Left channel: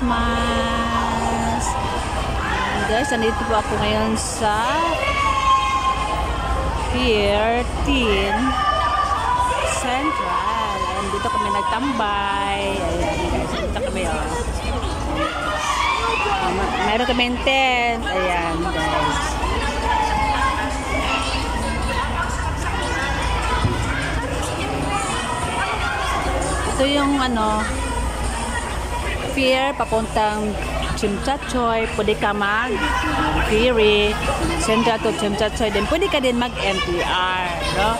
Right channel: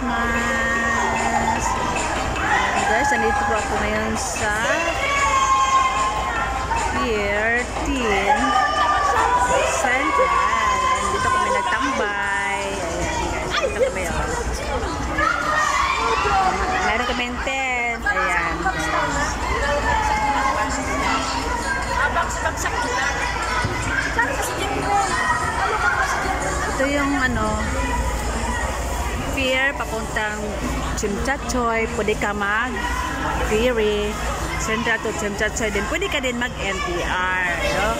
Christmas! And guys, nandito po ako ngayon sa Pier 10 Central. Ayan, dito kami nagtambay. Ayan guys, dito kami mayroon kami tent. Ayan guys. Ito yung pier papuntang Chimchachoy. Pwede ka mag ferry Central to Chimchachoy din. Pwede ka din mag MTR, no?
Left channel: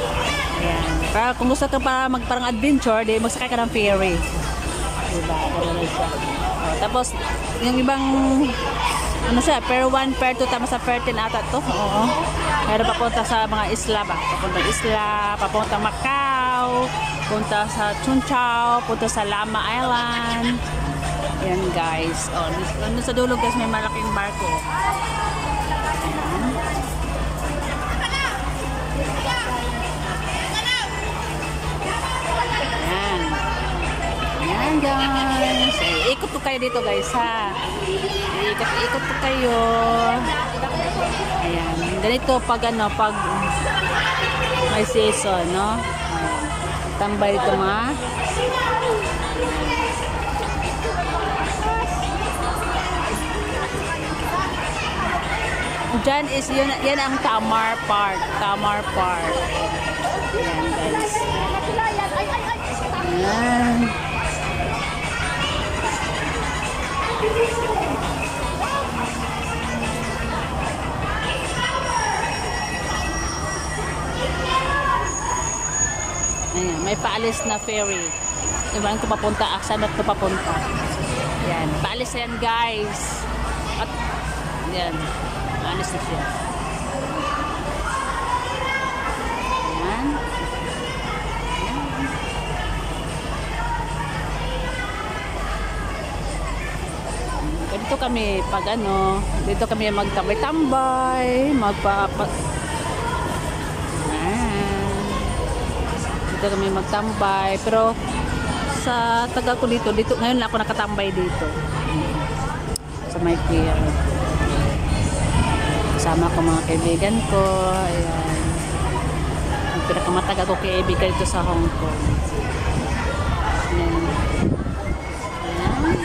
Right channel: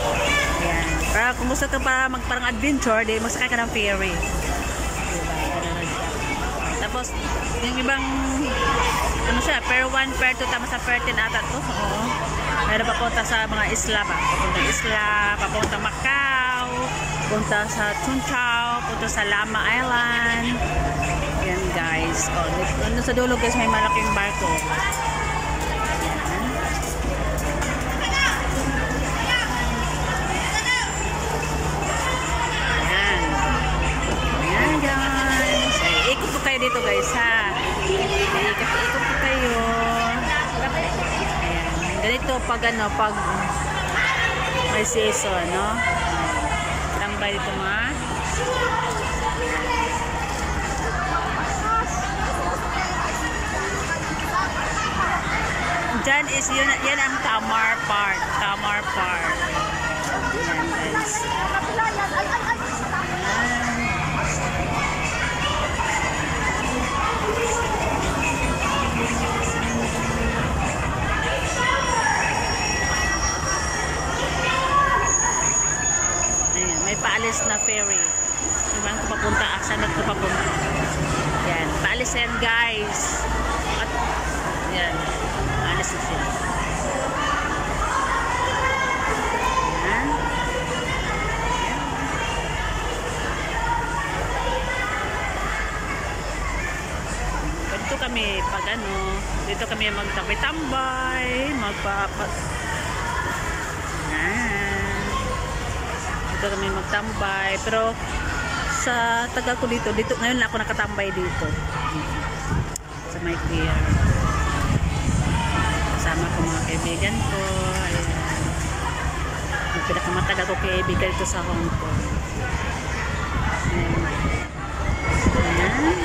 Ayan. Para kung gusto ka para magparang adventure, di magsakay ka ng ferry. Diba? Ganun siya. Tapos yung ibang siya, per 1, per 2, tama sa per 10 ata to. Oo. Meron papunta sa mga isla ba? Papuntang isla, papuntang Macau, punta sa Chunchao, punta sa Lama Island. Yan guys. Nandun sa dulo guys, may malaking barko. Yan. Yan. Yan guys. Ay, ikot po kayo dito guys ha. Ikot po kayo. Ayan. Ganito pag pag may season, no? Tambay dito mga. Diyan is yan ang Tamar Park. Tamar Park. Ayan guys. Ayan. Ayan, may paalis na ferry. Diba ko papunta? Saan ko papunta? Ayan, paalis yan guys. At yan, alis na siya. Ayan. Dito kami pag dito kami magtambay-tambay, dito kami magtambay, pero sa tagal ko dito ngayon na ako nakatambay dito sa my pier. Kasama ko mga kaibigan ko. Ayan, yung pinakamatagal ko kaibigan dito sa Hong Kong. Ayan.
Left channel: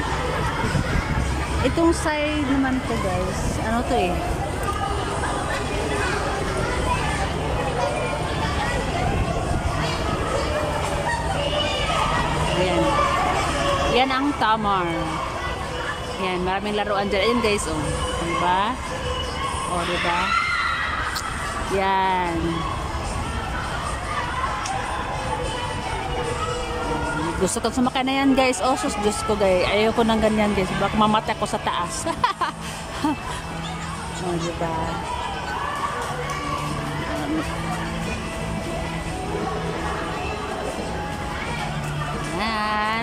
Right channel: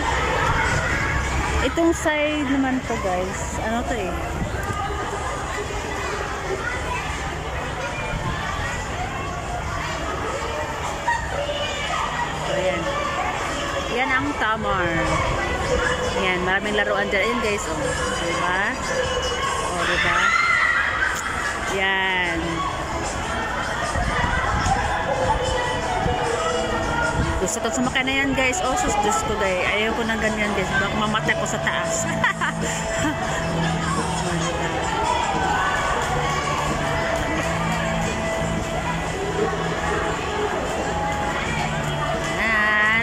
Itong side naman to guys, to ayan. Yan ang Tamar. Yan, maraming laruan dyan. Ayan guys, diba? Diba? Yan. Gusto ko sumakay na yan guys. Sus, Diyos ko guys. Ayaw ko ng ganyan guys. Baka mamatay ko sa taas. Diba?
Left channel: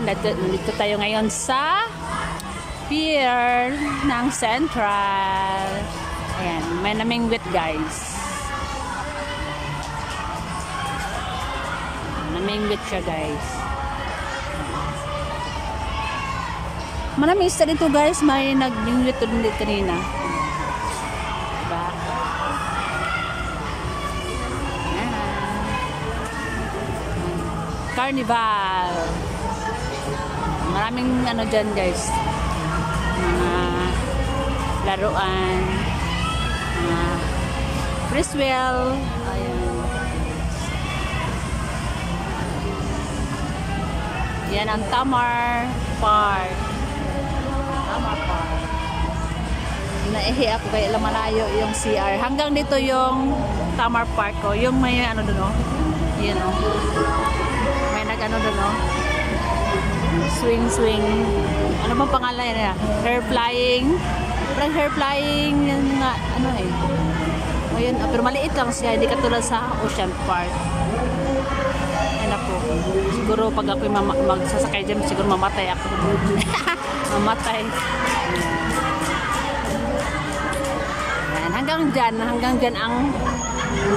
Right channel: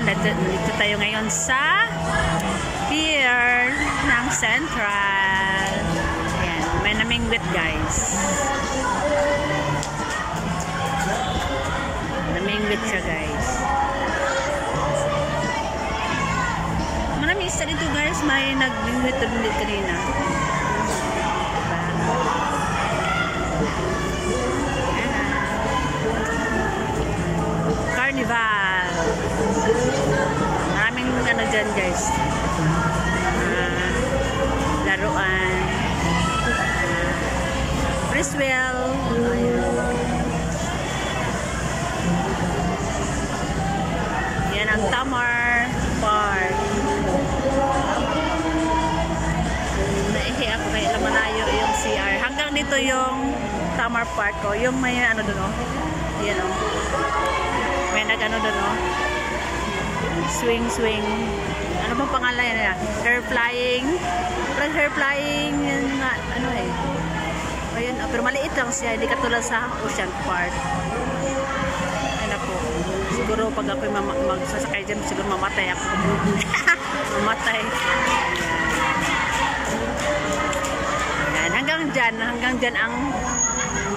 Nandito tayo ngayon sa pier ng Central. Ayan, may namingwit guys. Namingwit siya guys. Maraming isa dito guys, may nagmingwit ulit kanina. Diba? Carnival. Maraming dyan guys, mga laruan, Friswell. Ayan. Yan ang Tamar Park. Tamar Park. Naihi ako kaya malayo yung CR. Hanggang dito yung Tamar Park ko. Yung may doon Ayan may doon swing. Ano bang pangalan yan? Hair flying. Parang hair flying yan nga ayun, pero maliit lang siya, hindi katulad sa Ocean Park. Ano po, siguro pag ako magsasakay dyan, siguro mamatay ako. Mamatay. Ayan, hanggang dyan ang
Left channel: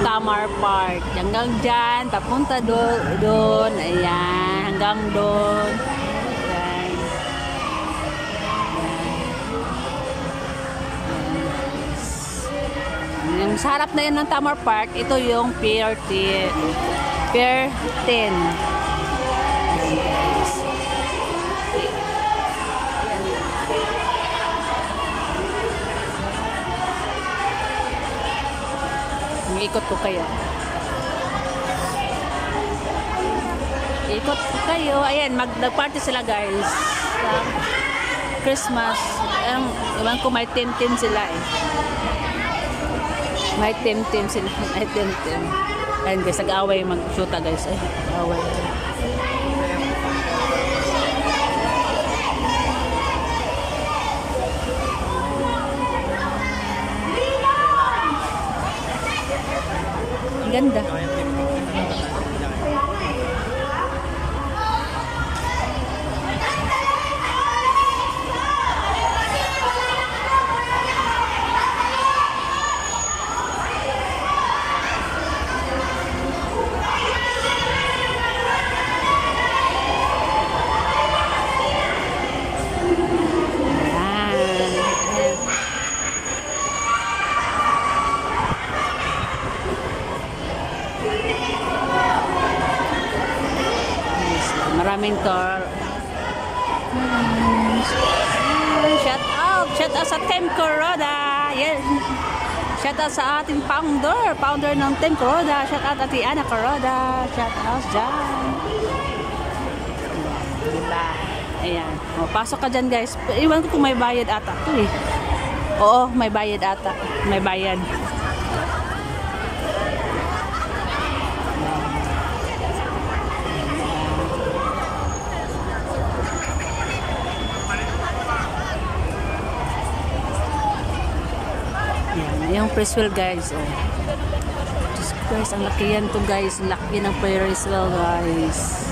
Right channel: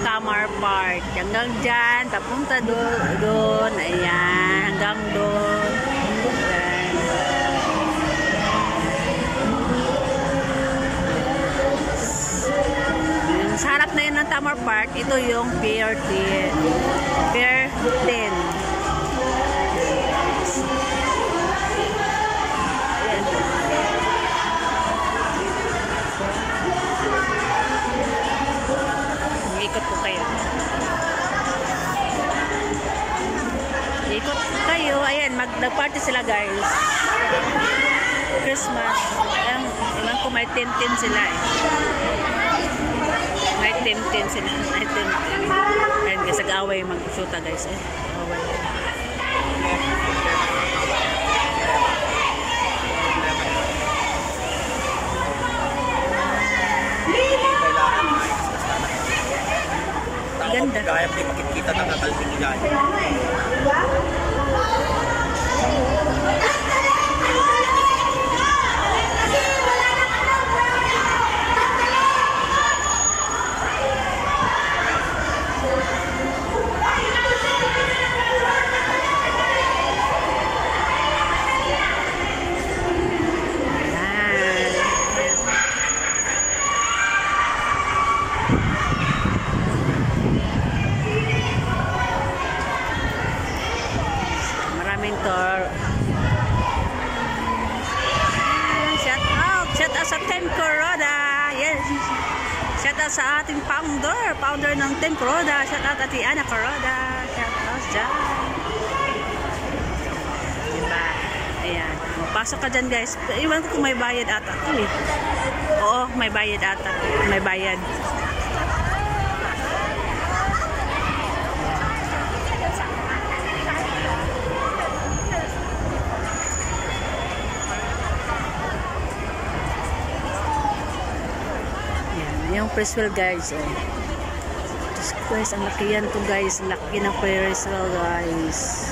Tamar Park. Hanggang dyan, papunta doon. Ayan, hanggang doon. Ayan. Sa harap na yun ng Tamar Park, ito yung Pier 10. Pier 10. Ikot ko kayo. Ikot ko kayo. Ayan, nag-party sila guys. Christmas. Iwan ko may tim-tim sila eh. May tim-tim sila. May tim-tim. Ayan guys, nag-away mag-shoota guys. Ay, away. Ganda. Maraming tour. Shout out sa Team Kuroda. Yes. Shout out sa ating founder ng Team Kuroda. Shout out Ate Ana Kuroda. Shout out dyan. Diba? Ayan. Pasok ka dyan guys. Iwan ko kung may bayad ata. Oo, may bayad ata. May bayad. Yung Ferris wheel guys, oh. Just guys, ang laki yan to guys. Laki ng Ferris wheel guys.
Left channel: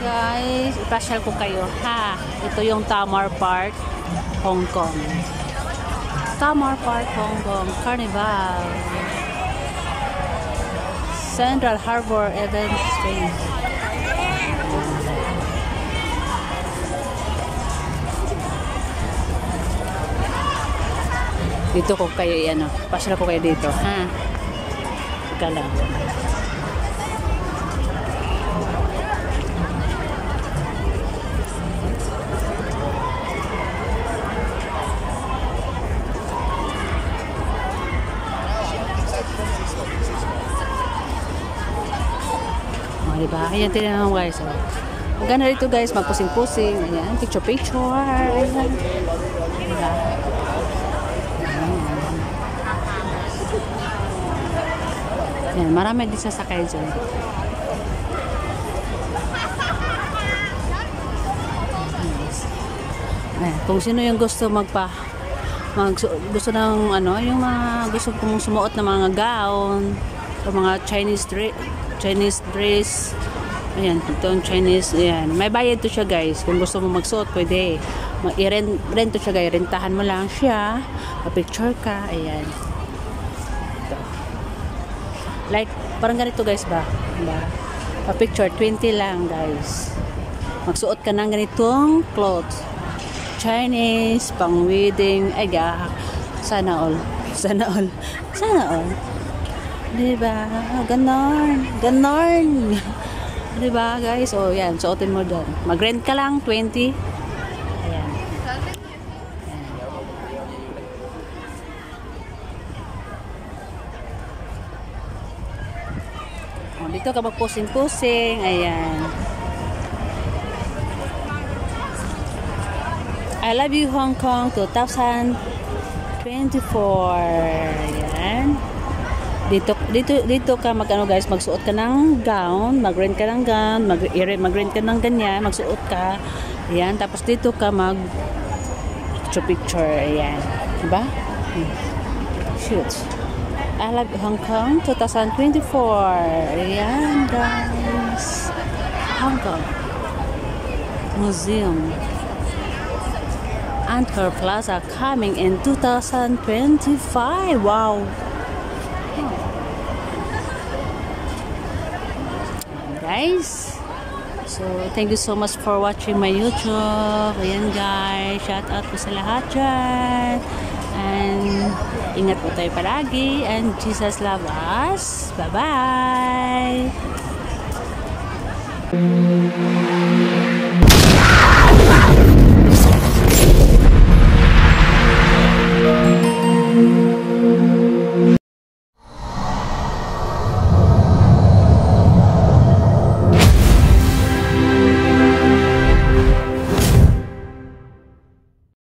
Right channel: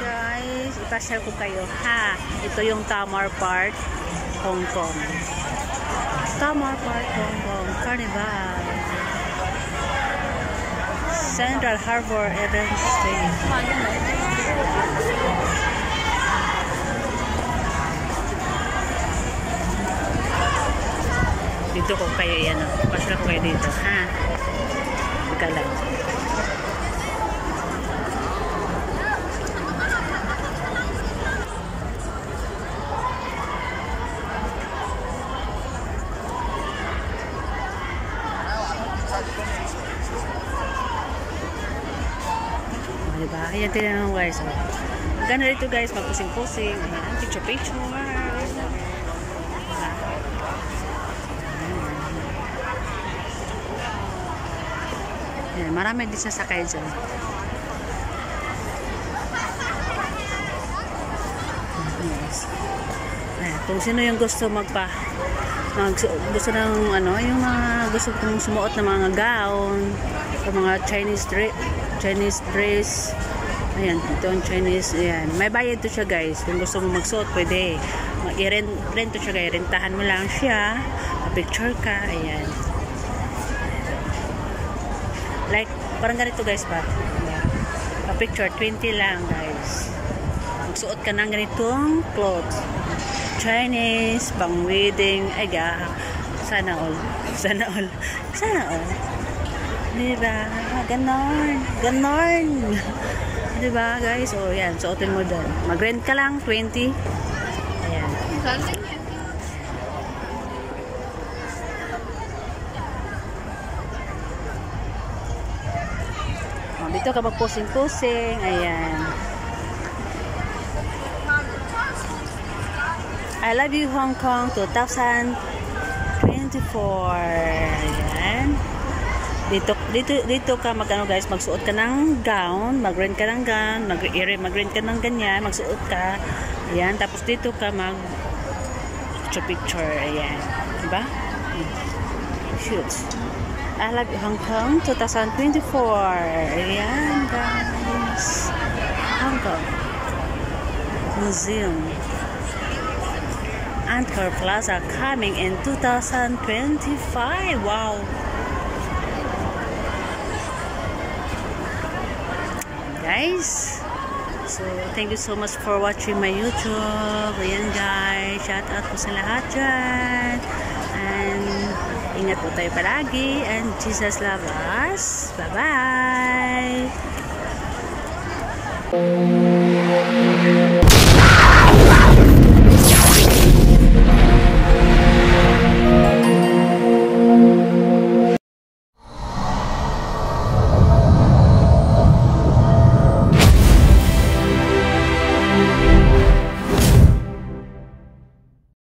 Guys, ipasyal ko kayo ha. Ito yung Tamar Park, Hong Kong. Tamar Park, Hong Kong Carnival. Central Harbor, Eden Street. Dito ko kayo yan, ipasyal ko kayo dito ha. Ika lang. Diba? Ayan, tinan mo guys. Maganda dito guys, magpusing-pusing. Ayan, picture-picture. Ayan. Diba? Ayan, marami din sasakay dyan. Ayan, kung sino yung gusto gusto ng ano, yung mga gusto kong sumuot ng mga gown o mga Chinese dress. Ayan, ito ang Chinese. Ayan. May bayad to siya guys. Kung gusto mo magsuot, pwede. I-rent to siya guys. Rentahan mo lang siya. Pa-picture ka. Ayan. Like, parang ganito guys ba? Pa-picture, 20 lang guys. Magsuot ka ng ganitong clothes. Chinese, pang wedding. Ay, sana all. Sana all. Sana all. Diba? Ganon. Ganon. Diba guys? O yan. Suotin mo dyan. Mag-rent ka lang. 20. Ayan. O, dito ka mag-pusing-pusing. Ayan. I love you Hong Kong 2024. Ayan. Dito ka magano guys, magsuot ka ng gown, mag-rent ka ng gown, mag-rent ka ng ganyan, magsuot ka. Ayan, tapos dito ka picture. Ayan. Diba? Shoot. I love Hong Kong 2024. Ayan guys. Hong Kong Museum. Angkor Plaza coming in 2025. Wow. Guys, so thank you so much for watching my YouTube. Ayan guys, shout out po sa lahat dyan. And ingat po tayo palagi. And Jesus love us. Bye-bye.